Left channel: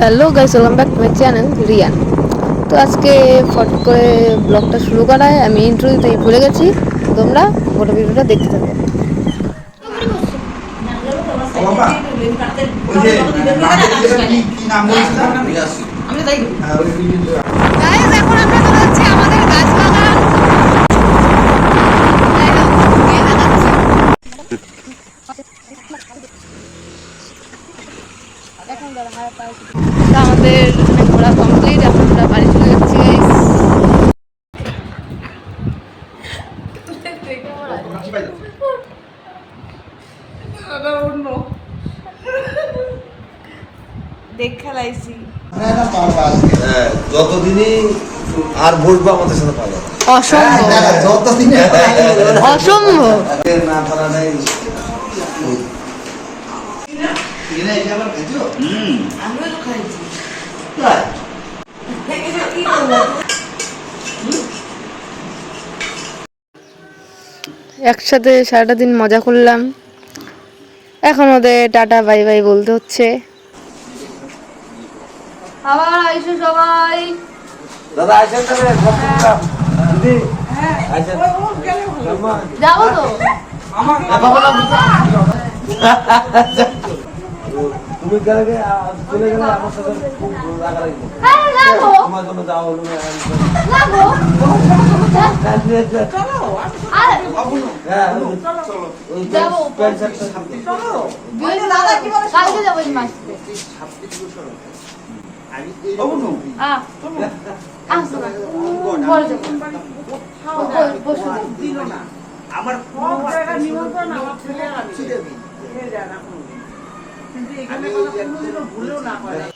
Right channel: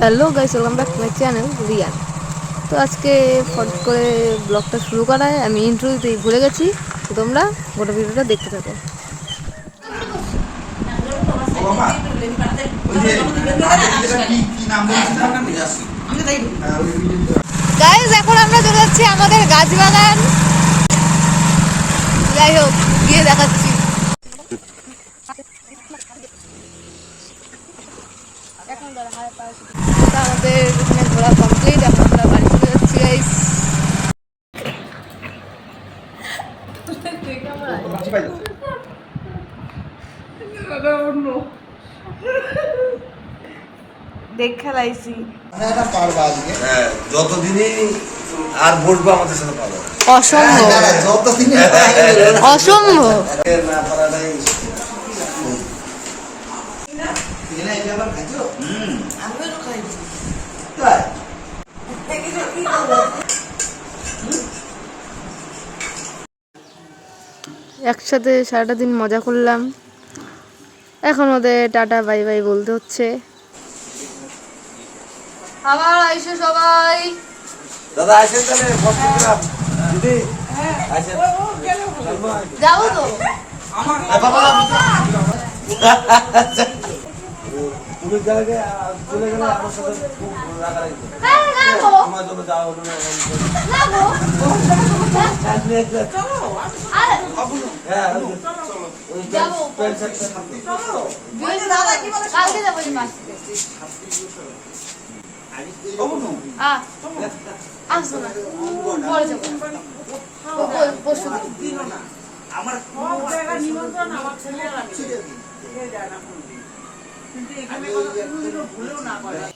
Hello guys, welcome back to my channel Riyan. তো আজকে ফট করে ব্লগটা শুরু করায় আমি ইন্ট্রো দিতে ভুলে গেছি। তোমরা গোটা ভিডিওটা দেখতে থাকো। গাইস, এখন আমরা চলে যাচ্ছি আমাদের গাছ বাগান। যাই হোক, গিয়ে দেখাচ্ছি। আমাদের এখানে ঘোরা কমপ্লিট, এখন আমরা বাড়ি চলে যাচ্ছি গাইস। দেখ খেলাইছি যতদিনই আর বসবো আমাদের সাথে পাবো অসম্ভব অসম্ভব। একসাথে সারাটা দিন মজা করলাম, এখন ওদের টাটা বাই বাই বলতে হচ্ছে। আবার আইসো সবাই। দাদা আসেন তবে দিদি যাবো তো তুমি গেলে চলে গেলে আমার সাথে খুব রাগারাগি তোমার জন্য যাওয়া হলো না।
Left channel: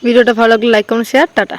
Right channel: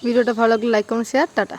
ভিডিওটা ভালো লাগলে লাইক করুন, শেয়ার, টাটা।